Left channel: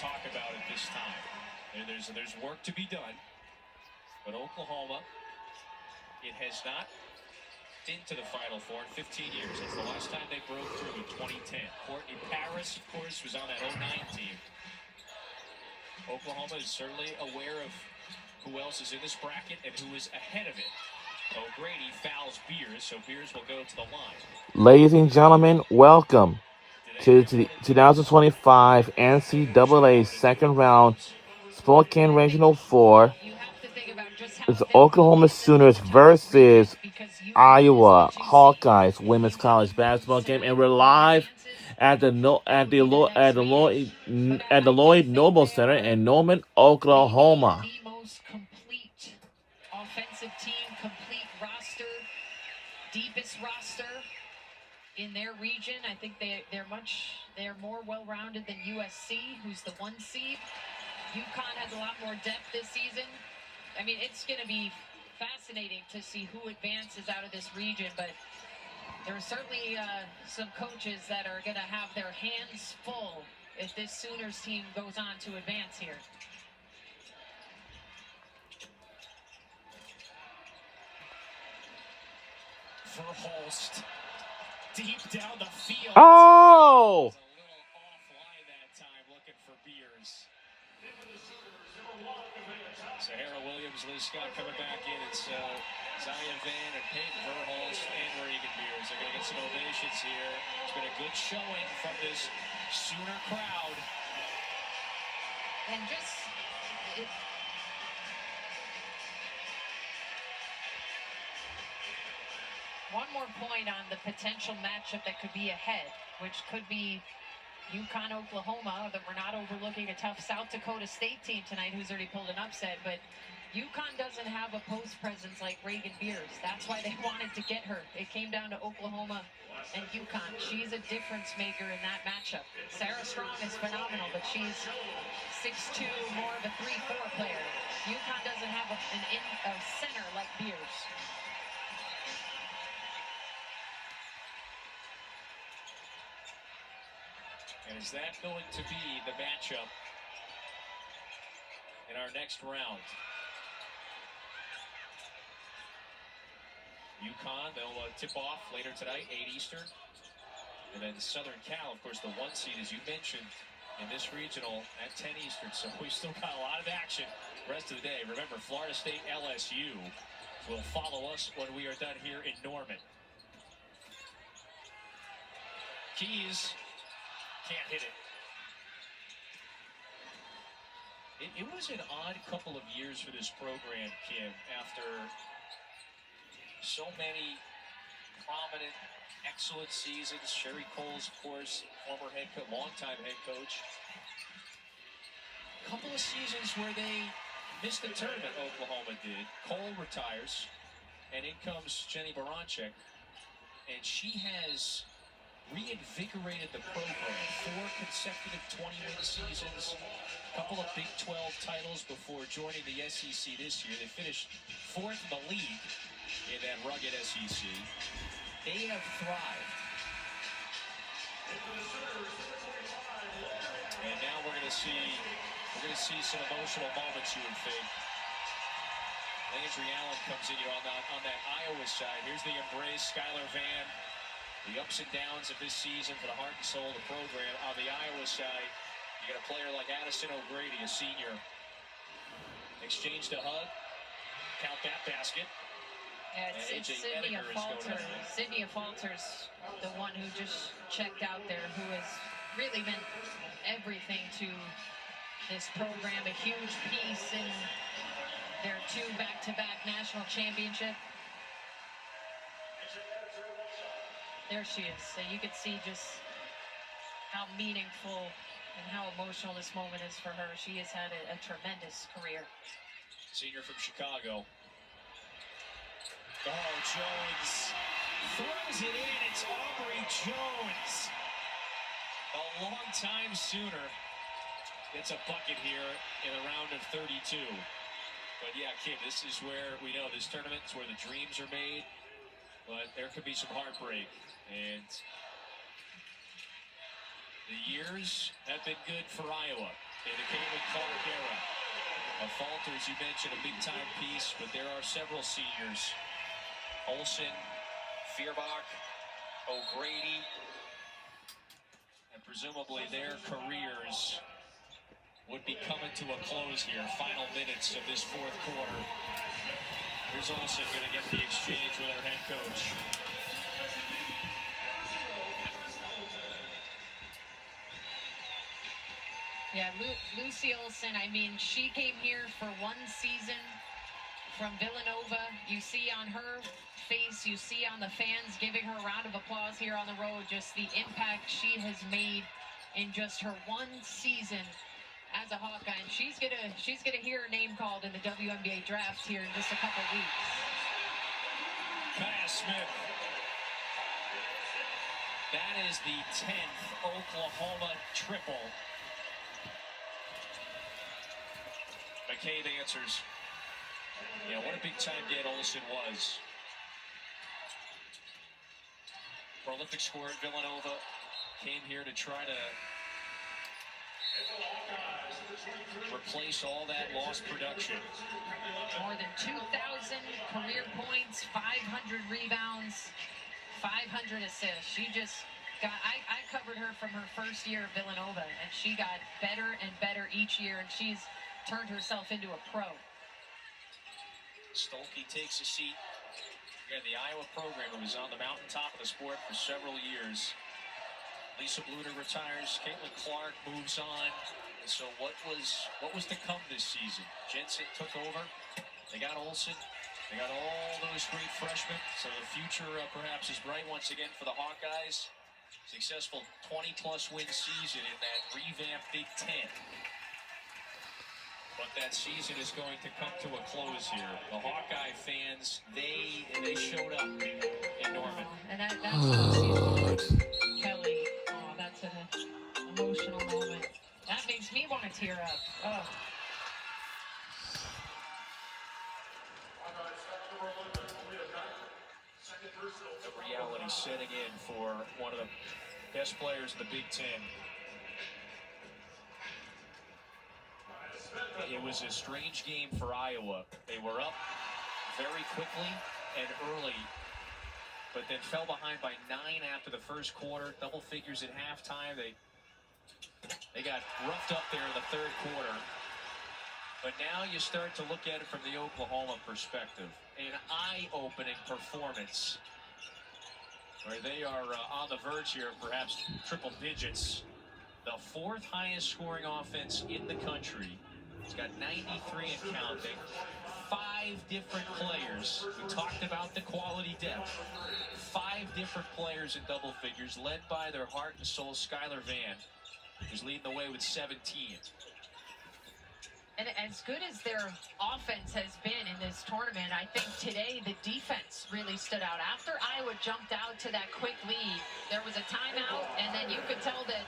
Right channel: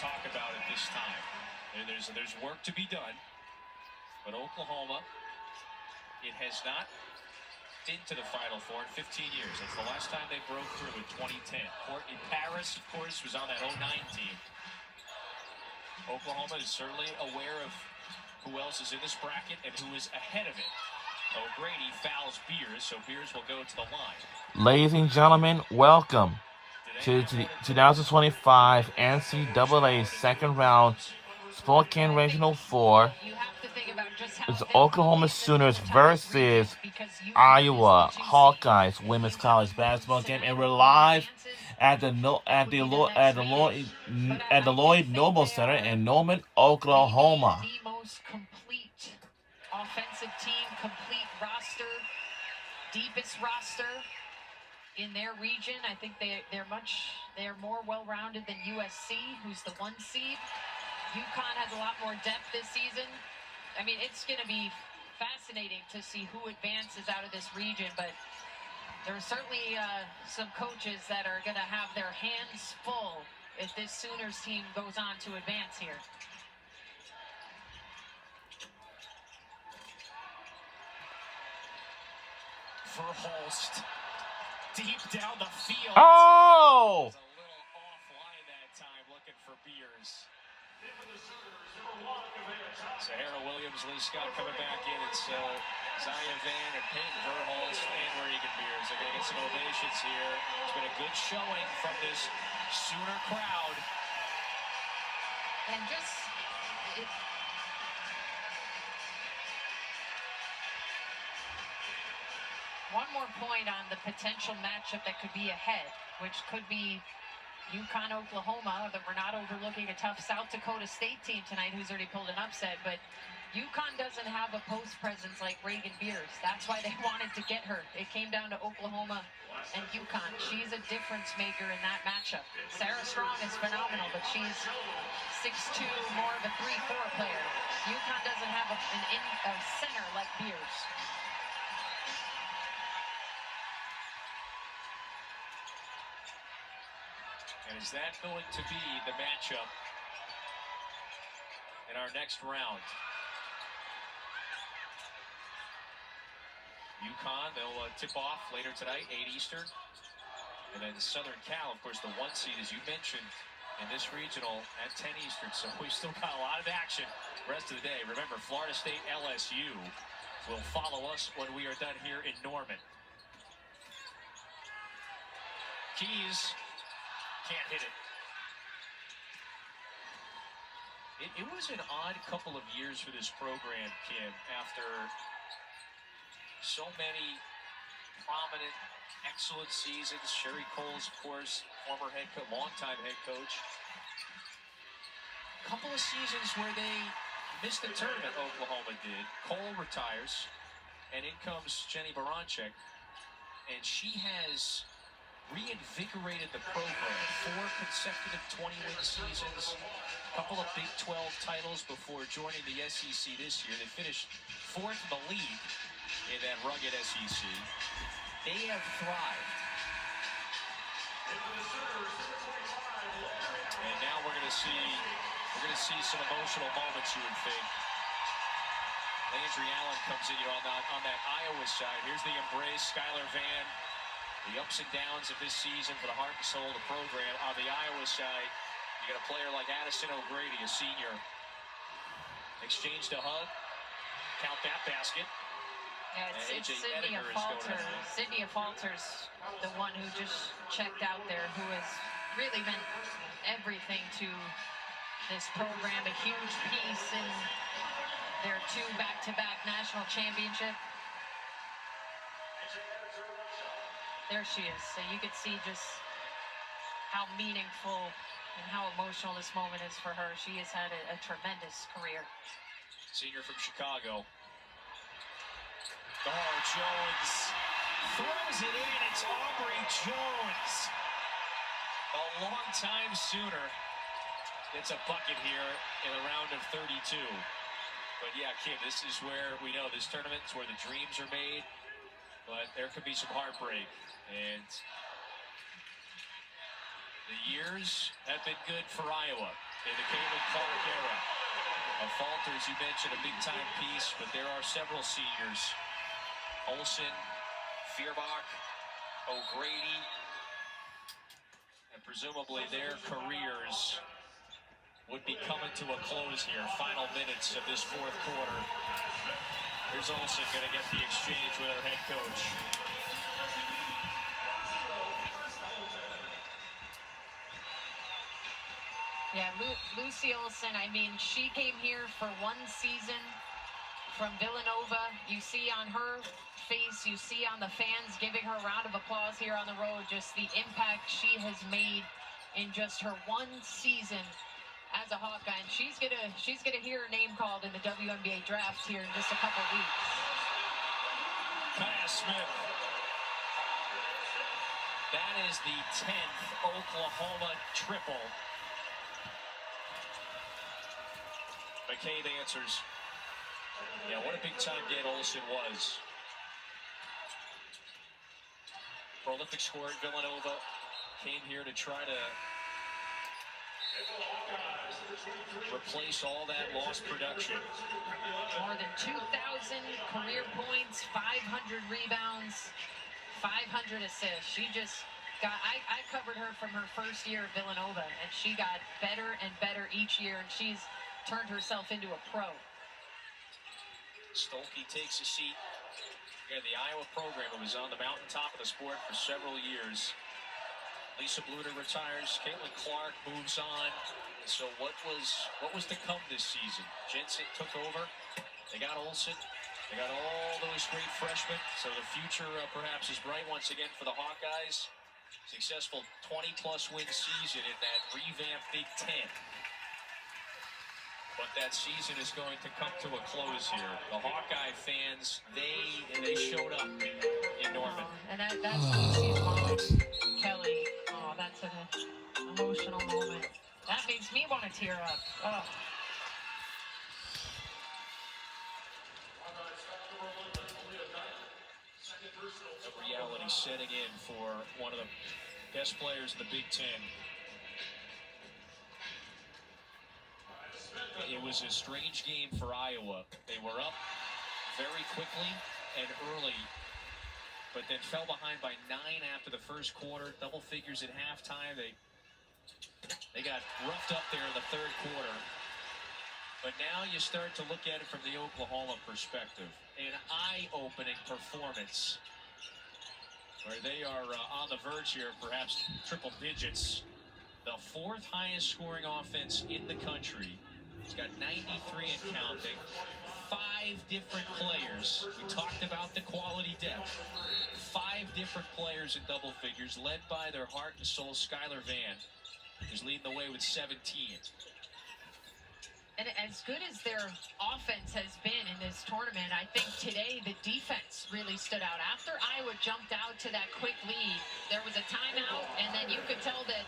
talk about at this time. There's work to be done, but Oklahoma, it has not been to the Final Four in 15 years. That's the last time they broke through in 2010. Courtney Paris, of course, was on that 09 team. Oklahoma is certainly aware of who else is in this bracket and who is ahead of it. O'Grady fouls Beers, so Beers will go to the line. Ladies and gentlemen, welcome to the 2025 NCAA second round Spokane Regional 4. It's Oklahoma Sooners versus Iowa Hawkeyes women's college basketball game, and we're live at the Lloyd Noble Center in Norman, Oklahoma. The most complete offensive team, complete roster, deepest roster in their region. I think they're more well-rounded than USC, who's the 1 seed. UConn has a lot more depth this season. I mean, it's going to be fascinating to see who advances out of this region, but there are certainly some coaches that are going to have their hands full if this Sooners team goes on to advance here. Verhulst, deep down the field. Oh! A little offline that time, looking for Beers. Sahara Williams, Lee Scott coming back in. It's Zaya Van and Peyton Verhulst and Reagan Beers. They're going to get some ovations here. It's been a good showing from this Sooner crowd. And just... one more point on the potential matchup that could be ahead, which could be UConn, Oklahoma. That we're not overlooking a tough South Dakota State team tonight who's already pulled an upset, but UConn doesn't have a post presence like Reagan Beers. That's why they wanted to get her. It came down to Oklahoma and UConn. She's a difference maker in that matchup. Sarah Strong is phenomenal, but she's 6'2", more of a 3-4 player. UConn doesn't have a center like Beers. And is that going to be the matchup in our next round? UConn, they'll tip off later tonight, 8 Eastern. And then Southern Cal, of course, the 1 seed, as you mentioned, in this regional at 10 Eastern. So we've still got a lot of action the rest of the day. Remember, Florida State LSU will follow us when we are done here in Norman. Keys can't hit it. It was an odd couple of years for this program, Kim, after so many prominent, excellent seasons. Sherry Coles, of course, former longtime head coach. A couple of seasons where they missed the tournament, Oklahoma did. Cole retires, and in comes Jenny Baranczyk, and she has reinvigorated the program. 4 consecutive 20-win seasons, a couple of Big 12 titles before joining the SEC this year. They finished 4th in the league in that rugged SEC. They have thrived. And now we're going to see some emotional moments, you would think. Landry Allen comes in here on that Iowa side. Here's the embrace, Skylar Van. The ups and downs of this season for the heart and soul of the program. On the Iowa side, you got a player like Addison O'Grady, a senior. Exchanged a hug. Count that basket. Yeah, it's Cynthia Falter. Cynthia Falter's the one who just checked out there, who has really meant everything to this program. A huge piece in their 2 back-to-back national championship. There she is. So you could see just how meaningful and how emotional this moment is for her. She has had a tremendous career. Senior from Chicago. Oh, Jones throws it in. It's Aubrey Jones. A long-time Sooner gets a bucket here in a round of 32. But yeah, Kim, this is where we know this tournament's where the dreams are made. But there could be some heartbreak. And the years have been good for Iowa. in the Caitlin Clark era. Falter, as you mentioned, a big-time piece, but there are several seniors. Olsen, Feuerbach, O'Grady, and presumably their careers would be coming to a close here. Final minutes of this fourth quarter. Here's Olsen going to get the exchange with our head coach. Yeah, Lucy Olsen, I mean, she came here for one season from Villanova. You see on her face, you see on the fans giving her a round of applause here on the road, just the impact she has made in just her one season as a Hawkeye. And she's gonna hear her name called in the WNBA draft here in just a couple weeks. Kaya Smith. That is the 10th Oklahoma triple. McCabe answers. Yeah, what a big-time get Olsen was. Prolific scorer at Villanova. Came here to try to replace all that lost production. More than 2,000 career points, 500 rebounds, 500 assists. She just got, I covered her from her first year at Villanova, and she got better and better each year, and she's turned herself into a pro. Stolke takes a seat. Again, the Iowa program was on the mountaintop of the sport for several years. Lisa Bluder retires. Caitlin Clark moves on. And so what was to come this season? Jensen took over. They got Olsen. They got all those great freshmen. So the future perhaps is bright once again for the Hawkeyes. Successful 20-plus win season in that revamped Big Ten. But that season is going to come to a close here. The Hawkeye fans, they showed up in Norman. And that's Kelly. Oh, that's an emotional moment. That makes me want to tear up. Oh. The reality setting in for one of the best players in the Big Ten. It was a strange game for Iowa. They were up very quickly and early, but then fell behind by 9 after the first quarter, double figures at halftime. They got roughed up there in the third quarter. But now you start to look at it from the Oklahoma perspective. An eye-opening performance where they are on the verge here, perhaps triple digits. The fourth highest scoring offense in the country. It's got 93 and counting. 5 different players. We talked about the quality depth. 5 different players in double figures, led by their heart and soul, Skylar Vann, who's leading the way with 17. And as good as their offense has been in this tournament, I think today the defense really stood out. After Iowa jumped out to that quick lead, there was a timeout, and then you could tell that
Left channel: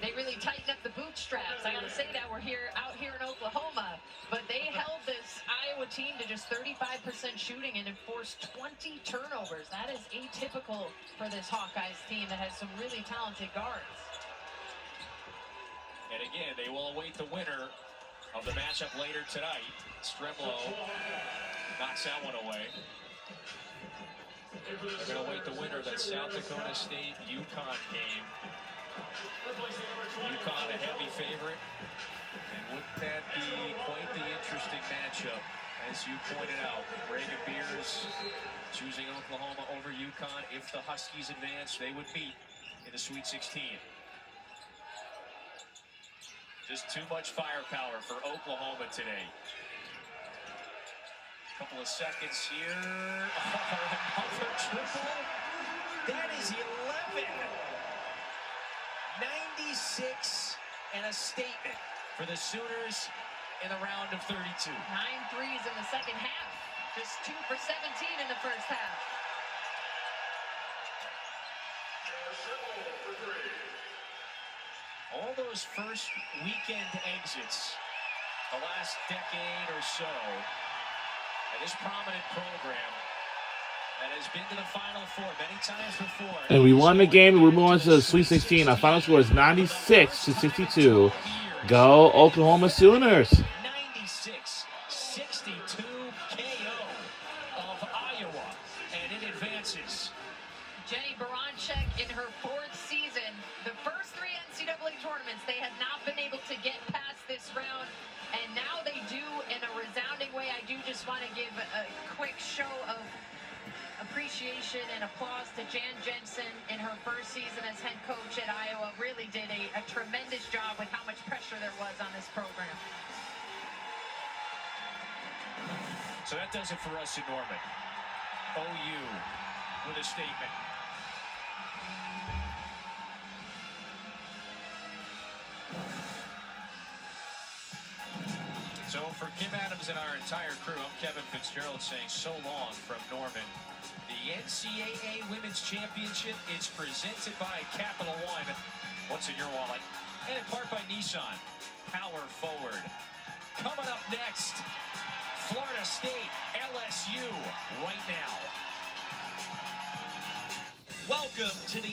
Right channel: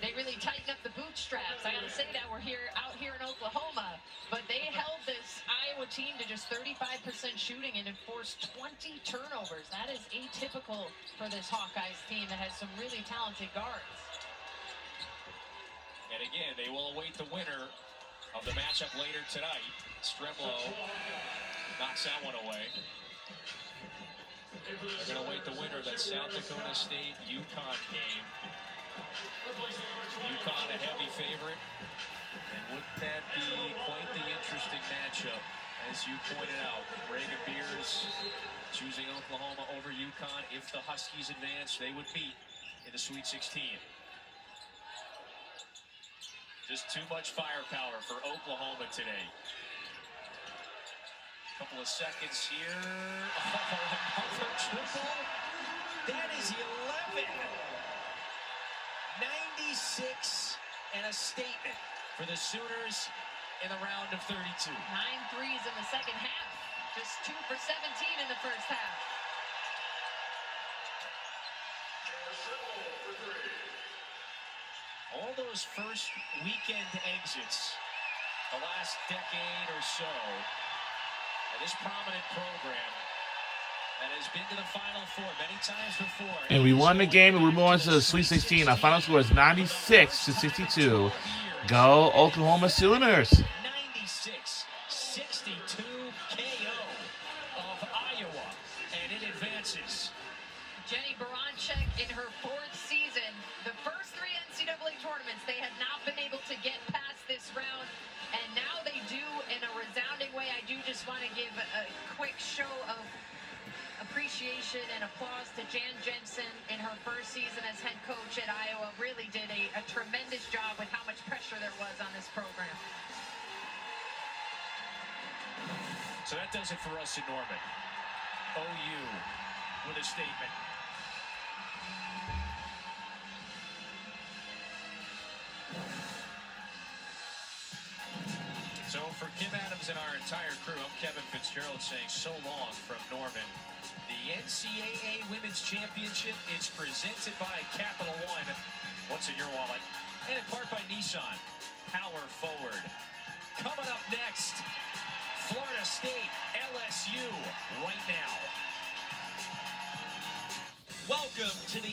they really tightened up the bootstraps. I got to say that we're out here in Oklahoma, but they held this Iowa team to just 35% shooting and enforced 20 turnovers. That is atypical for this Hawkeyes team that has some really talented guards. And again, they will await the winner of the matchup later tonight. Stremlo knocks that one away. They're going to await the winner of that South Dakota State-UConn game. UConn a heavy favorite. And wouldn't that be quite the interesting matchup, as you pointed out? Reagan Beers choosing Oklahoma over UConn. If the Huskies advance, they would beat in the Sweet 16. Just too much firepower for Oklahoma today. Couple of seconds here. Oh, another triple. That is 11. 96 and a statement for the Sooners in the round of 32. 9 threes in the second half. Just 2 for 17 in the first half. All those first weekend exits, the last decade or so, at this prominent program that has been to the Final Four many times before. And we won the game, and we moved on to the Sweet 16. Our final score is 96-62. Go Oklahoma Sooners. 96-62 KO of Iowa, and it advances. Jenny Baranczyk in her 4th season, the first 3 NCAA tournaments, they had not been able to get past this round, and now they do in a resounding way. I do just want to give a quick show of appreciation and applause to Jan Jensen in her 1st season as head coach at Iowa. Really did a tremendous job with how much pressure there was on this program. So that does it for us in Norman. OU with a statement. So for Kim Adams and our entire crew, I'm Kevin Fitzgerald saying so long from Norman. The NCAA Women's Championship is presented by Capital One. What's in your wallet? And in part by Nissan. Power forward. Coming up next, Florida State, LSU, right now. Welcome to the